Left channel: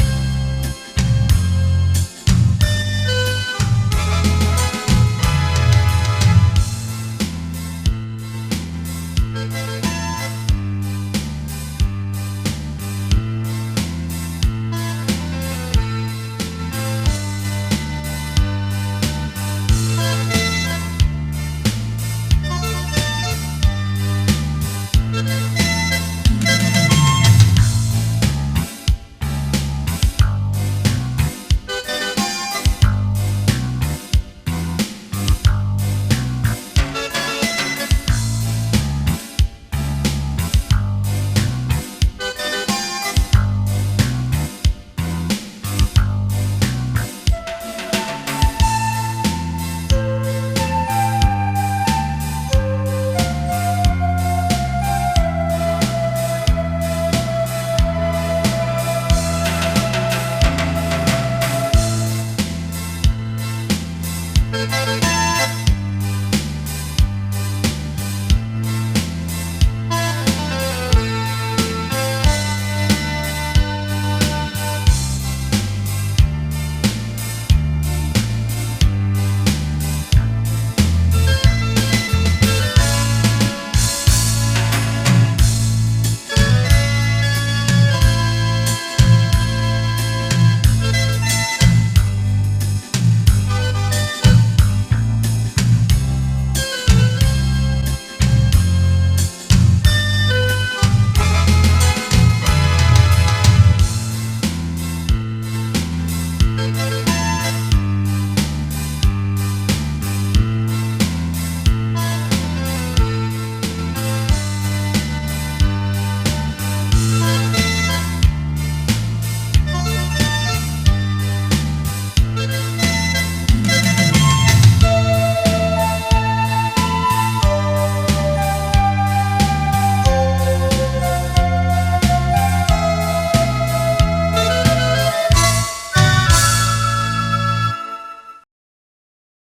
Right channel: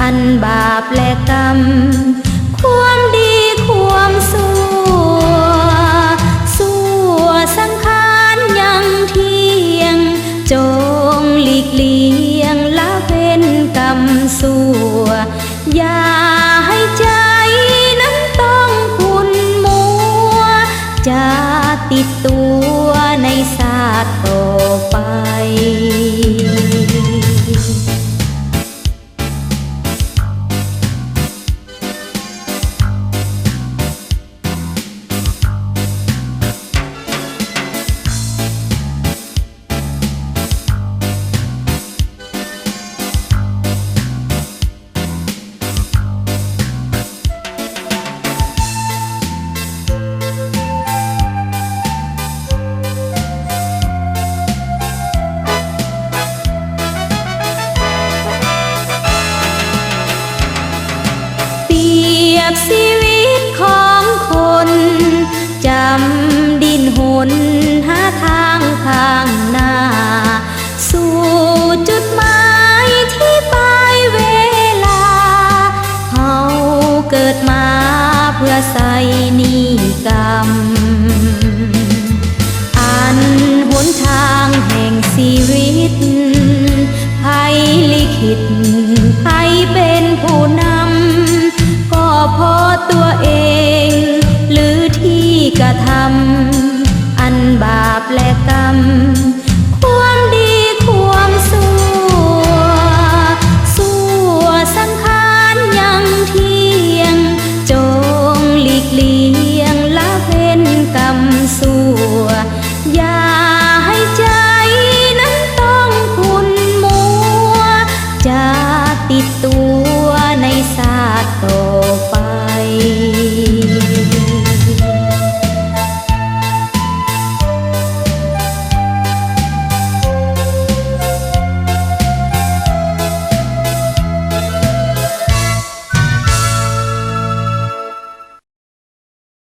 อันบาปและกรรมความดีความชั่วสังขารยังเที่ยงจงหลีกเลี่ยงละเว้นกรรมชั่วอย่าให้ใจนั้นต้องขุ่นมัวจะติดตัวในศาสตร์ต่อไปชีวิตของคนจำดินหนหาทางข้างหน้าสู่จุดหมายที่ปลายเวลาเฮาเกิดมาเพื่อใส่นิกรรมอันหนทางแห่งชีวิตใครลิขิตใครเป็นผู้นำก็เพราะตัวเองหรือที่กระทำอันบาปและกรรมความดีความชั่วสังขารยังเที่ยงจงหลีกเลี่ยงละเว้นกรรมชั่วอย่าให้ใจนั้นต้องขุ่นมัวจะติดตัว